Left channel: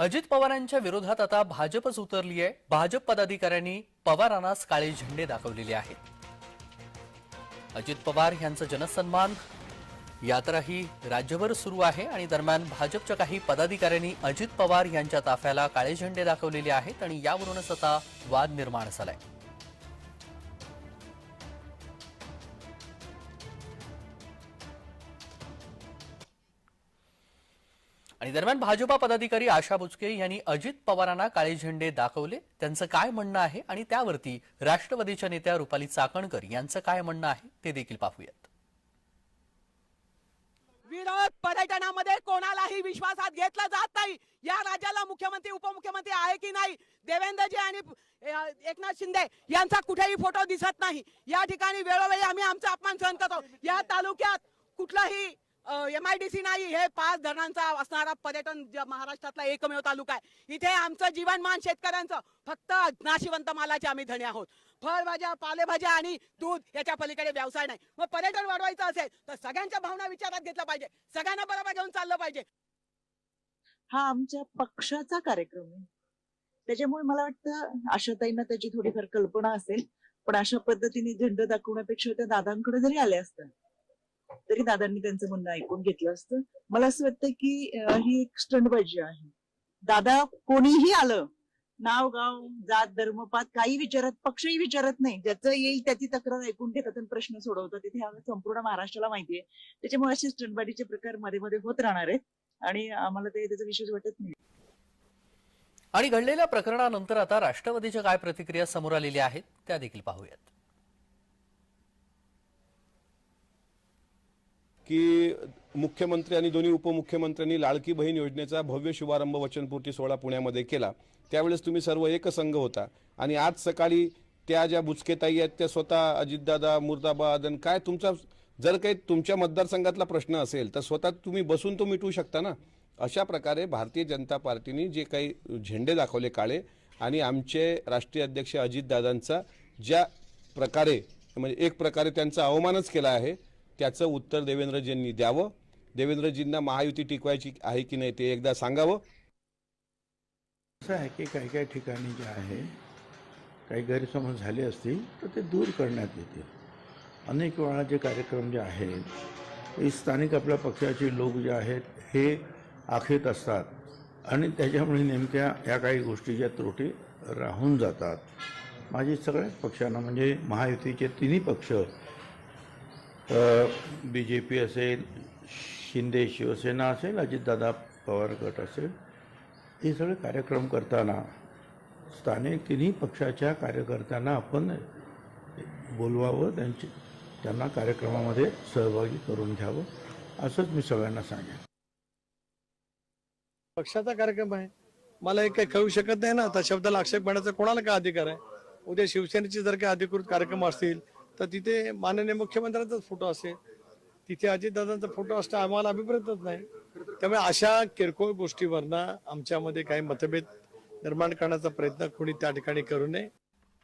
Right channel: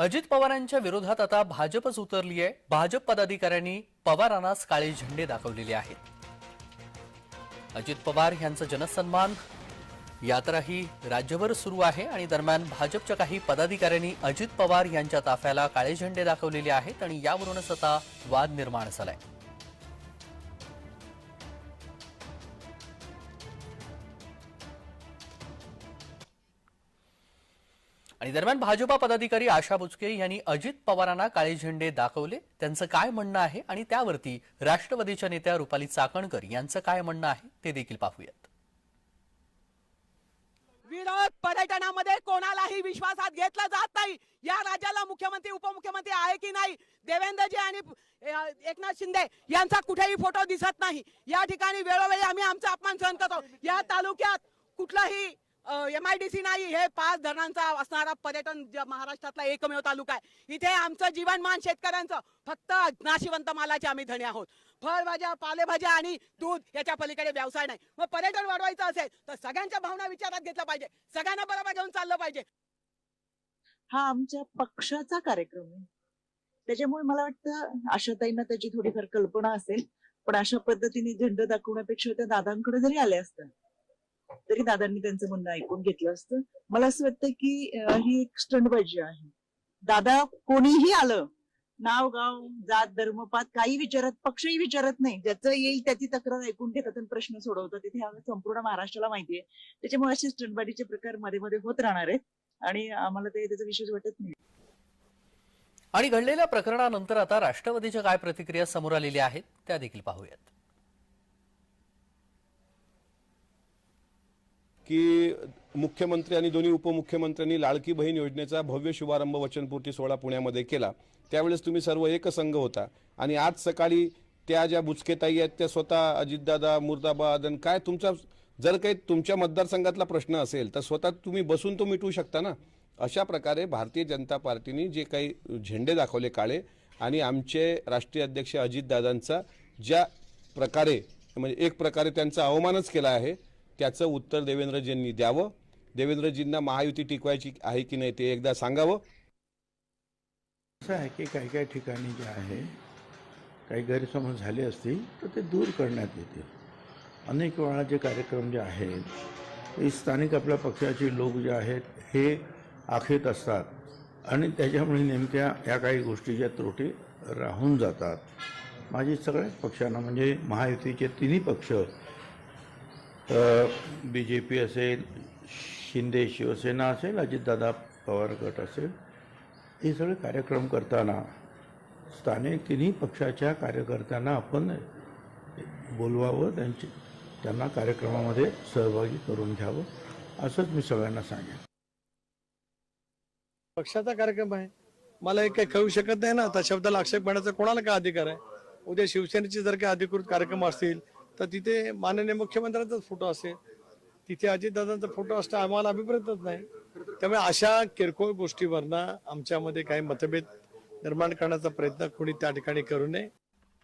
अजित पवारांच्या विरोधात आता भाजपच उतरली आहे भाजप पदाधिकाऱ्यांनी पवारांनाच काळे झेंडे दाखवलेले आहेत. अजित पवार यांचं जनसन्मान यात्राही राज्यभर सुरू आहे आणि दरम्यान भाजपच्या काही पदाधिकाऱ्यांनी अजित पवार यांच्या ताफ्याला काळे झेंडे दाखवलेले आहेत आणि यावरूनच आता वाद निर्माण झालाय. आणि दरम्यान भाजपा पदाधिकारी आशा बुचके यांनी अजित पवारांना काळे झेंडे दाखवले. त्यांचं काय म्हणणं आहे? आणि त्यावरती राष्ट्रवादीच्या नेत्या रुपाली चाकणकर यांचं काय म्हणणं आहे? ते देखील पाहूयात. विरोध पर्यटनामध्ये कोणालाही विश्वासात घेतला जात नाही. या राज्याला मुख्यमंत्री उपमुख्यमंत्री आहे की नाही? देवेंद्रजी आणि एकनाथ शिंदे यांचा कुठेही फोटो दिसत नाही. या ठिकाणी वेळोवेळी आम्ही आमचा अपमान सहन करतो. या तालुक्यात कुठलाही एम आय डी सी नाही हे पाच धरणांचा असणारा पर्यटन महाराष्ट्रातला एकमेव तालुका आहे. इथे आमचं जीवनमान शेतकऱ्यांचं फक्त नाशिवंत मालाचे आम्ही धणे आहोत. फळभाज्या पालेभाज्या आणि दूध याच्या पलीकडे व्यवसाय नाही. मग पर्यटन वाढवायचं असेल तर सगळ्यांच्या भावना विचारात घेतल्या पाहिजे. सगळ्यांना बरोबर घेऊन चाललं पाहिजे. हा आमच्या पक्षाचा कार्यक्रम आहे. त्याच्यामुळे मला वाटतं आशाताईंना त्याची थोडीफार कल्पना असेल. पण अशा पद्धतीने झेंडा दाखवण्यापेक्षा त्या दादांकडे जरी आल्या असतात तरी दादांनी त्यांचं म्हणणं ऐकून घेतलं असतं. मला असं वाटतं की ही एक स्टंटबाजी आहे. दादा कोणीही आलं नाव गाव जात धर्मपात काही विचारत पक्षही विचारत नाही. ज्याचं येईल त्याची तक्रार ऐकून घेतात आणि प्रश्न सोडवतात. तिथे आम्ही संपूर्ण महाराष्ट्राला माहिती आहे. त्याच्यामुळे असे स्टंटबाजीचे प्रकारमध्ये मध्ये होत राहणार आहेत. आणि आम्हाला ते त्याचा विशेष वाटत नाही. आणि घडलेल्या प्रकरणानंतर आता राष्ट्रवादीच्या काय प्रतिक्रिया समोर आलेल्या आहेत त्या देखील पाहूयात. की मुख्यमंत्री आणि दोन्ही उपमुख्यमंत्र्यांनी लाडकी बहीण योजनेचा भव्य शुभारंभ वचनपूर्ती सोहळा पुण्यामध्ये केला. त्यावेळेस तुम्ही सर्व एकसंघ होता. आणि आज सकाळी त्या ज्या बुचकेताई आहेत त्या स्वतः अजितदादा मुर्दाबाद आणि काय तुमचा जर काही तुमच्या मतदारसंघातला प्रश्न असेल तर स्वतः तुम्ही बसून तो मिटवू शकता ना? अशा प्रकारे भारतीय जनता पार्टीने जे काही झेंडे दाखवले काळे आणि आमचे राष्ट्रीय अध्यक्ष अजितदादांचा ज्या प्रकारे म्हणजे एक प्रकारे त्यांचा अवमानच केला आहे त्याचं उत्तर देवेंद्रजींनी द्यावं. देवेंद्रजींना महायुती टिकवायची आहे की नाही ते एकदा सांगावं. असं आहे की काही काही ठिकाणी जे आहे काही गैरसमज झाले असतील तर ते दूर करण्यात येतील. अनेक वेळा जे कार्यक्रम जे आहेत ते स्थानिक आपल्या पक्षाचे लोक जे आहेत हे आखेत असतात. आणि त्याच्यामुळे नेमक्या या काही गोष्टीच्या त्रुटी राहून जातात. माझी सगळ्याच पक्षांना म्हणजे महायुतीचे तिन्ही पक्ष बी जे पी असेल शिंदे शिवसेना असेल अजितदादा पवार गट असेल हे सगळे कार्यक्रम करताना स्थानिक तिन्ही पक्षाच्या कार्यकर्त्यांना आपण बोलवावं त्यांची त्यांना कार्यक्रमामध्ये सहभागी करून घ्यावं असंच मी सगळ्यांना सांगेन. पक्षाचा कार्यक्रम आहे. मला एक काही कळू शकत नाही ना त्या शब्दाला आक्षेप घेण्याचा कोणाला काय अधिकार आहे? उद्या शिवसेनेचे जर काही अधिकृत कार्यक्रम असतील तर तिथे माननीय मुख्यमंत्र्यांचाच फोटो असेल. तिथे अजितदादांचा फोटो असता आम्हाला अभिप्रेतच नाही. त्यामुळे अशा किरकोळ गोष्टीवरनं आमच्यामध्ये काही मतभेद निर्माण करण्याचा प्रयत्न कोणी त्या ठिकाणी करू नये.